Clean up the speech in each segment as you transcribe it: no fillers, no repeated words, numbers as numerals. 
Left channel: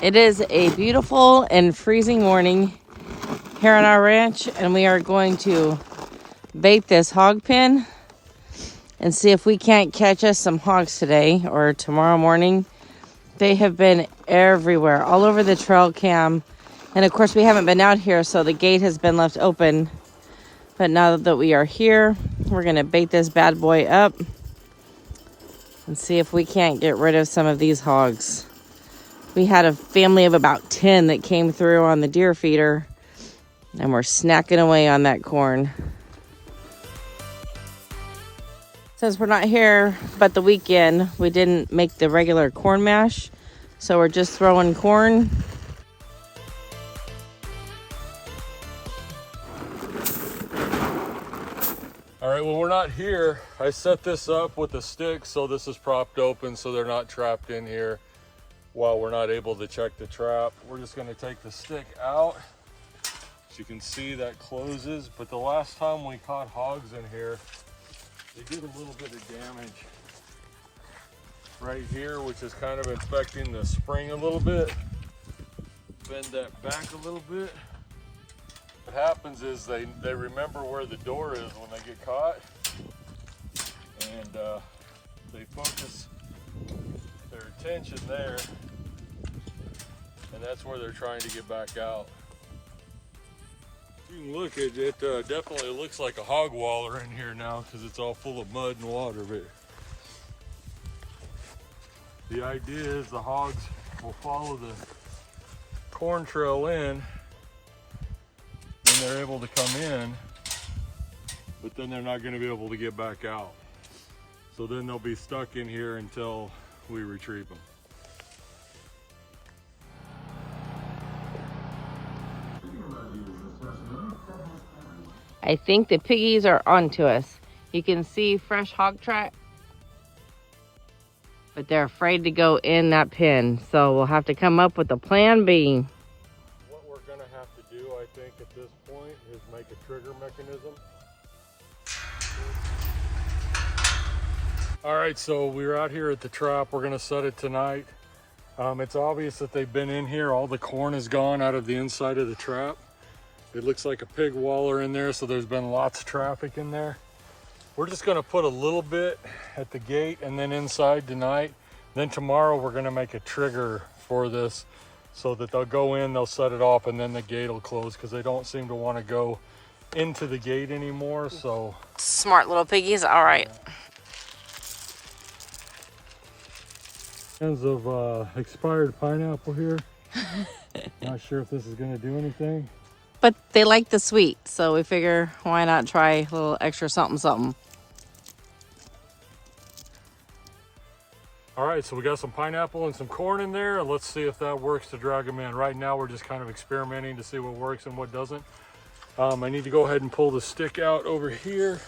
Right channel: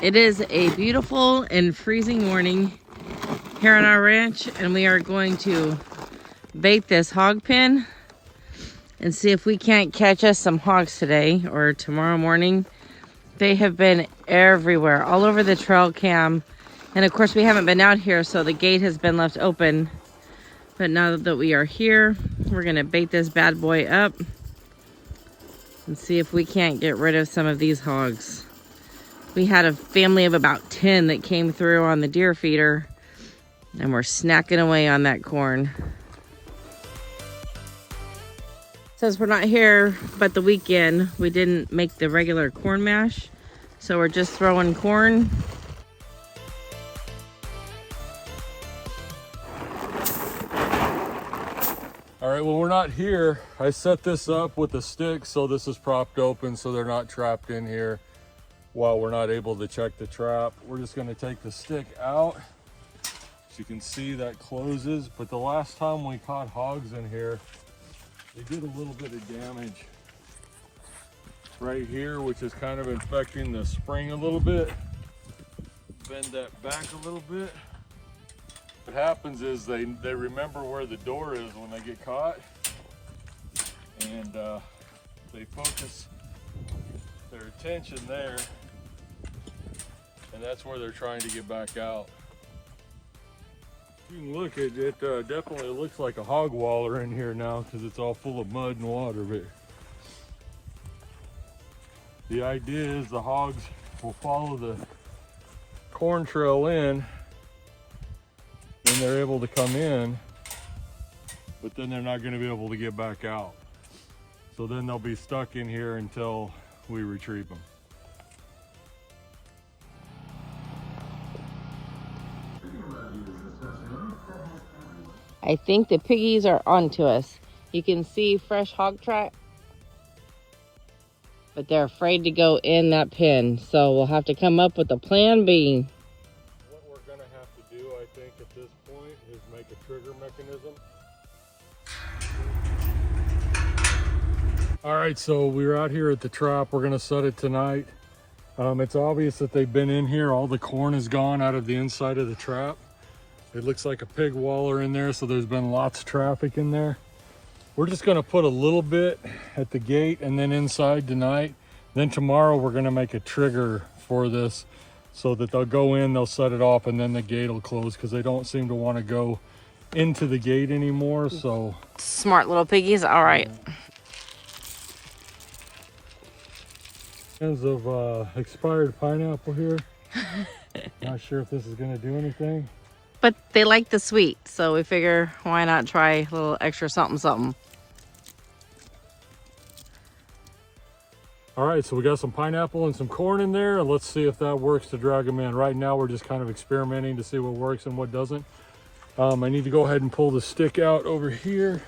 It is a beautiful and freezing morning here on our ranch, and we are going to bait this hog pen and see if we can't catch us some hogs today or tomorrow morning. They have been everywhere, all over the trail cam. And of course we haven't been out here, so the gate has been left open. But now that we are here, we're gonna bait this bad boy up and see if we can't get rid of some of these hogs. We had a family of about 10 that came through on the deer feeder, and we're snacking away on that corn. Since we're not here but the weekend, we didn't make the regular corn mash, so we're just throwing corn. All right, well, we're not here. I set this up with a stick so this is propped open so they're not trapped in here while we're not able to check the trap. We're just gonna take the stick out. As you can see, that closes, but the last time we caught hogs in here, we did a little bit of damage right here, which is kind of infecting the spring a little bit. Bend that back a little bit. What happens is they remember where the door is when they get caught, and they focus their attention there, and that's where they're trying to get back out. You can look at it, definitely looks like a hog waller in here now because it's all full of mud and water here. The idea is the hogs will follow the corn trail in when they're able to come in, but then they're not going to be able to get back out. So then they'll be stuck in here until we retrieve them. I think the piggies are onto us. You can see fresh hog track, but they're afraid to go in that pen. So we'll have to come up with a plan B. What we're gonna have to do, I think, at this point is make a trigger mechanism. All right, so we're out here at the trap. We're gonna set it tonight. It's obvious that they've been in here. All the corn is gone out of the inside of the trap. It looks like a pig waller in there, so there's been lots of traffic in there. We're just gonna put a little bit at the gate and then inside tonight. Then tomorrow we're gonna make a trigger for this so that they'll go in, they'll set it off, and then the gate will close because they don't seem to want to go into the gate anymore. So Smart little piggies. All right. Cans of expired pineapple here. Not sure if this is gonna do anything. But they like the sweet, so we figure why not try a little extra something something. All right, so we got some pineapple and some corn in there, and let's see if that works to drag them in. Right now we're just kind of experimenting to see what works and what doesn't. I need to go ahead and pull the stick out over here.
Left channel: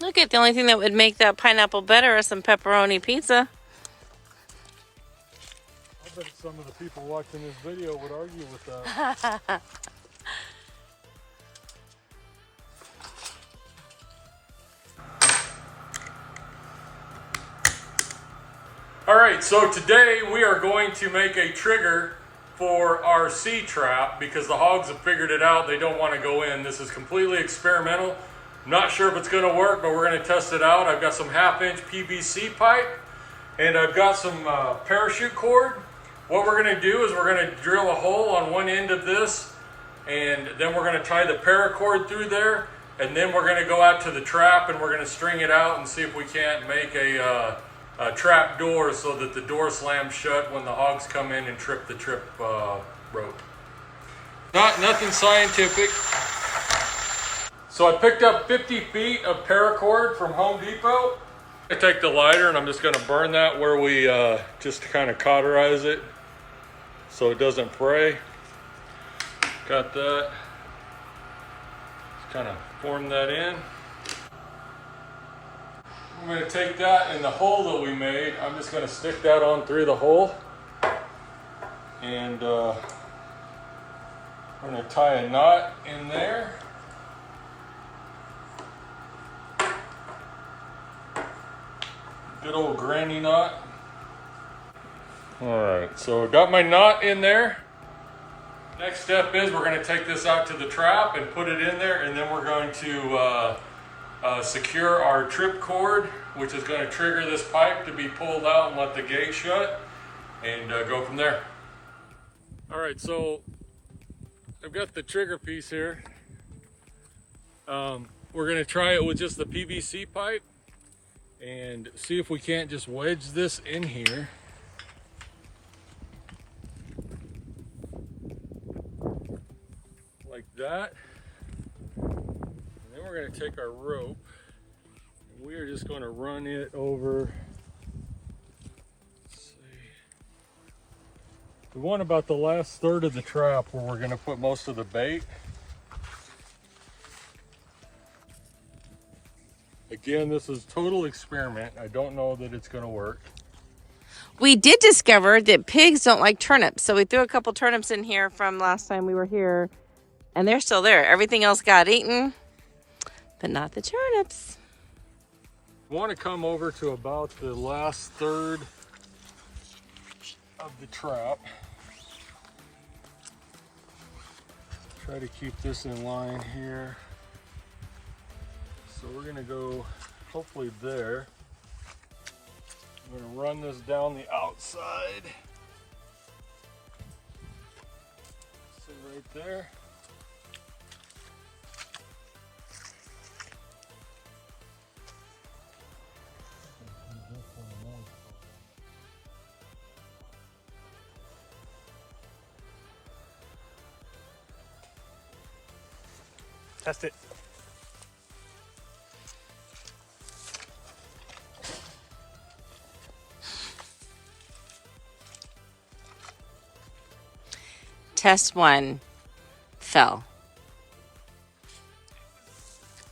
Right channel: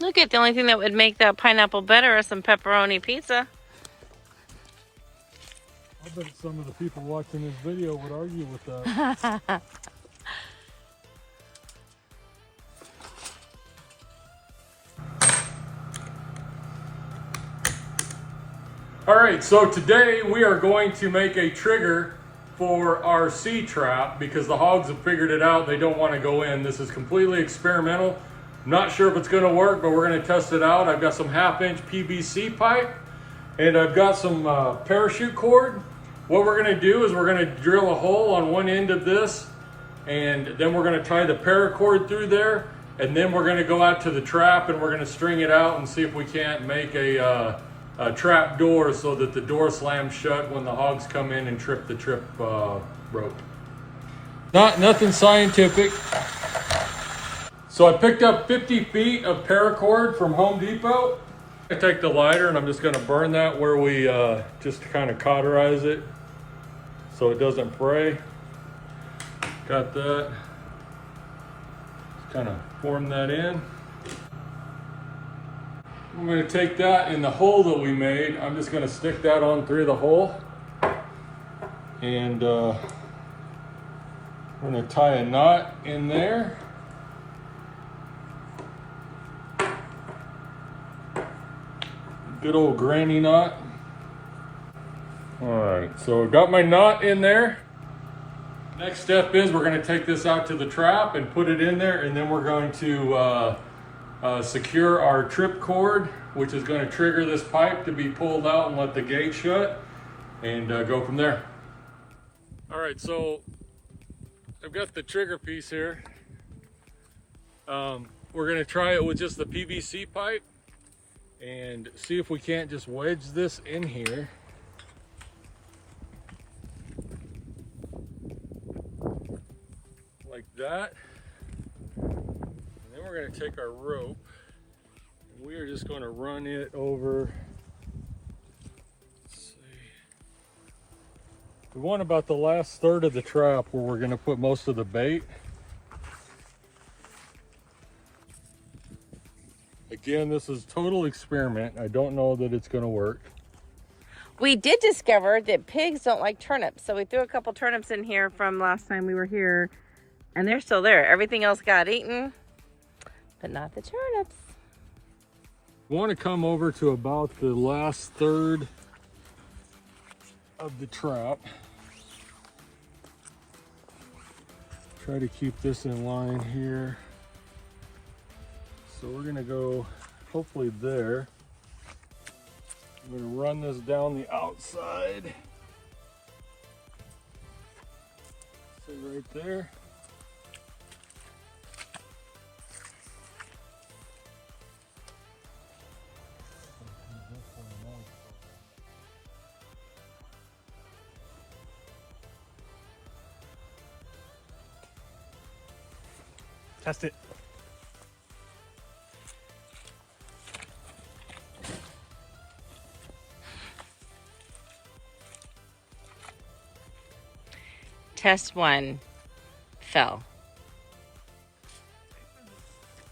Look, at the only thing that would make that pineapple better is some pepperoni pizza. I bet some of the people watching this video would argue with that. All right, so today we are going to make a trigger for our sea trap because the hogs have figured it out. They don't want to go in. This is completely experimental. Not sure if it's going to work, but we're going to test it out. I've got some 1/2-inch PVC pipe, and I've got some parachute cord. What we're going to do is we're going to drill a hole on one end of this, and then we're going to tie the paracord through there, and then we're going to go out to the trap and we're going to string it out and see if we can't make a trap door so that the door slams shut when the hogs come in and trip the trip rope. Nothing scientific. So I picked up 50 feet of paracord from Home Depot. I take the lighter and I'm just going to burn that where we just to kind of cauterize it so it doesn't fray. Got that. Just kind of form that in. I'm going to take that in the hole that we made. I'm just going to stick that on through the hole. And we're going to tie a knot in there. Good old granny knot. All right, so I got my knot in there. Next step is we're going to take this out to the trap and put it in there, and then we're going to secure our trip cord, which is going to trigger this pipe to be pulled out and let the gate shut, and go from there. All right, so I've got the trigger piece here. We're going to try it with just the PVC pipe and see if we can't just wedge this in here. Like that. And then we're going to take our rope and we are just going to run it over. Let's see. The one about the last third of the trap where we're going to put most of the bait. Again, this is total experiment. I don't know that it's going to work. We did discover that pigs don't like turnips, so we threw a couple turnips in here from last time we were here. And they're still there. Everything else got eaten, but not the turnips. I want to come over to about the last third of the trap. Try to keep this in line here. So we're going to go hopefully there. I'm going to run this down the outside. So right there. Test it. Test 1 fell.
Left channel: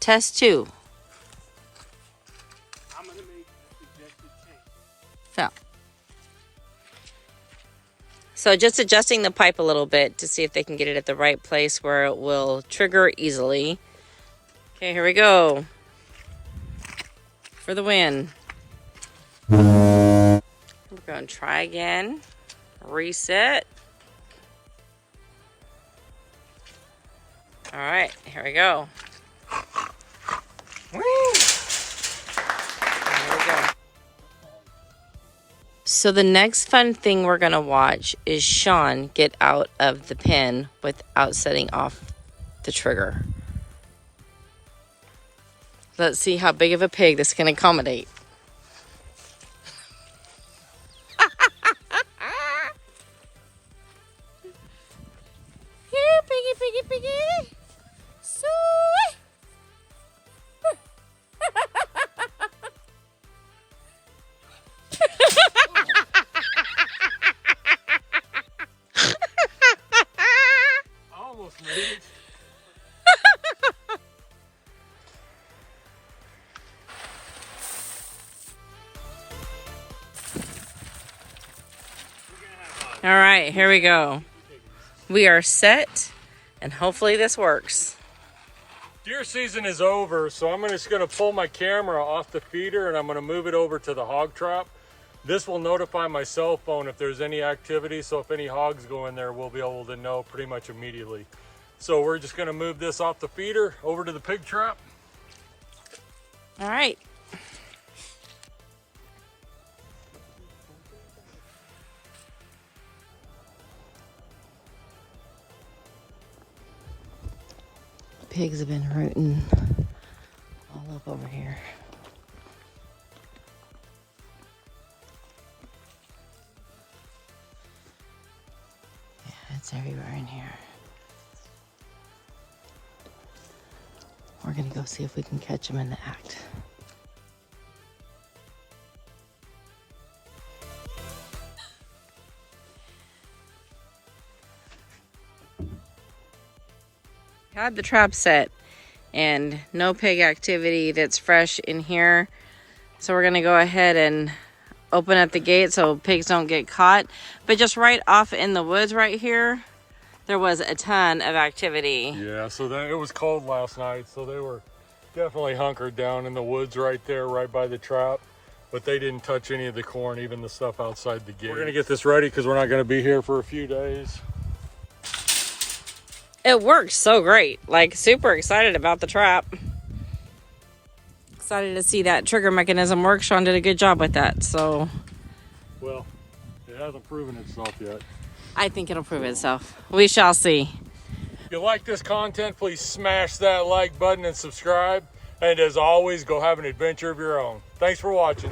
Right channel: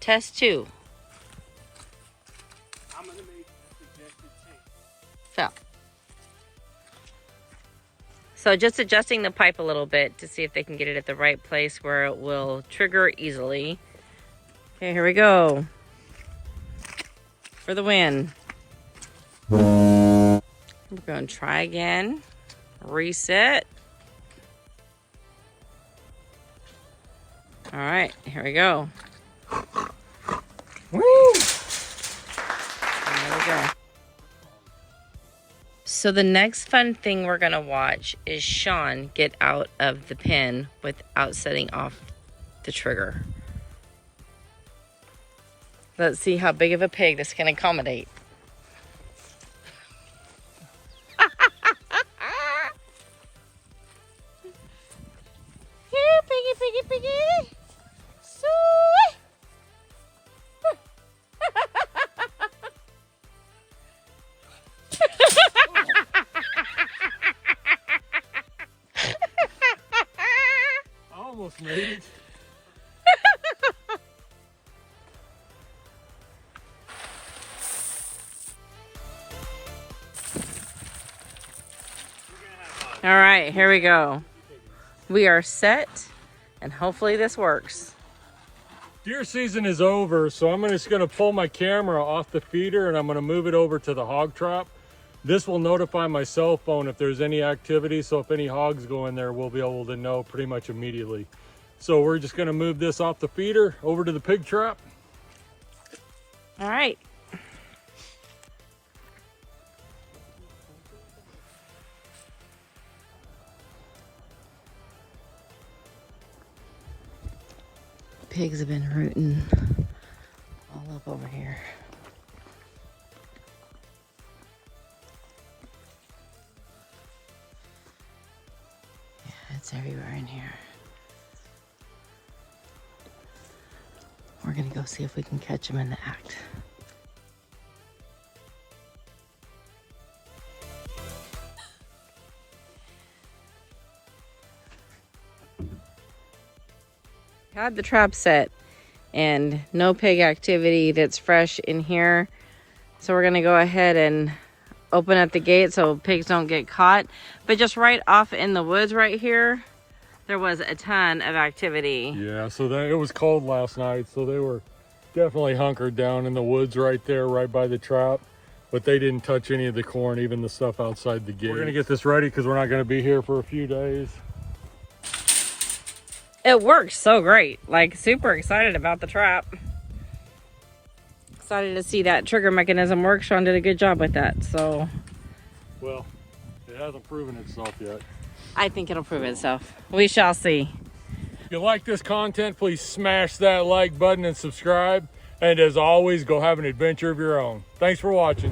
Test 2 fell. So just adjusting the pipe a little bit to see if they can get it at the right place where it will trigger easily. Okay, here we go. For the win. We're going to try again. Reset. All right, here we go. Woo! There we go. So the next fun thing we're gonna watch is Sean get out of the pen without setting off the trigger. Let's see how big of a pig this can accommodate. Here, piggy, piggy, piggy. Soy. I almost made it. All right, here we go. We are set, and hopefully this works. Deer season is over, so I'm just going to pull my camera off the feeder and I'm going to move it over to the hog trap. This will notify my cell phone if there's any activity, so if any hogs go in there, we'll be able to know pretty much immediately. So we're just going to move this off the feeder over to the pig trap. All right. Pigs have been rooting all up over here. Yeah, it's everywhere in here. We're gonna go see if we can catch them in the act. Had the trap set and no pig activity that's fresh in here, so we're gonna go ahead and open up the gate so pigs don't get caught. But just right off in the woods right here, there was a ton of activity. Yeah, so it was cold last night, so they were definitely hunkered down in the woods right there, right by the trap. but they didn't touch any of the corn, even the stuff outside the gate. We're gonna get this ready because we're not gonna be here for a few days. It works so great. Like, super excited about the trap. Excited to see that trigger mechanism work. Sean did a good job with that, so. Well, it hasn't proven itself yet. I think it'll prove itself. We shall see. If you like this content, please smash that like button and subscribe. And as always, go have an adventure of your own. Thanks for watching.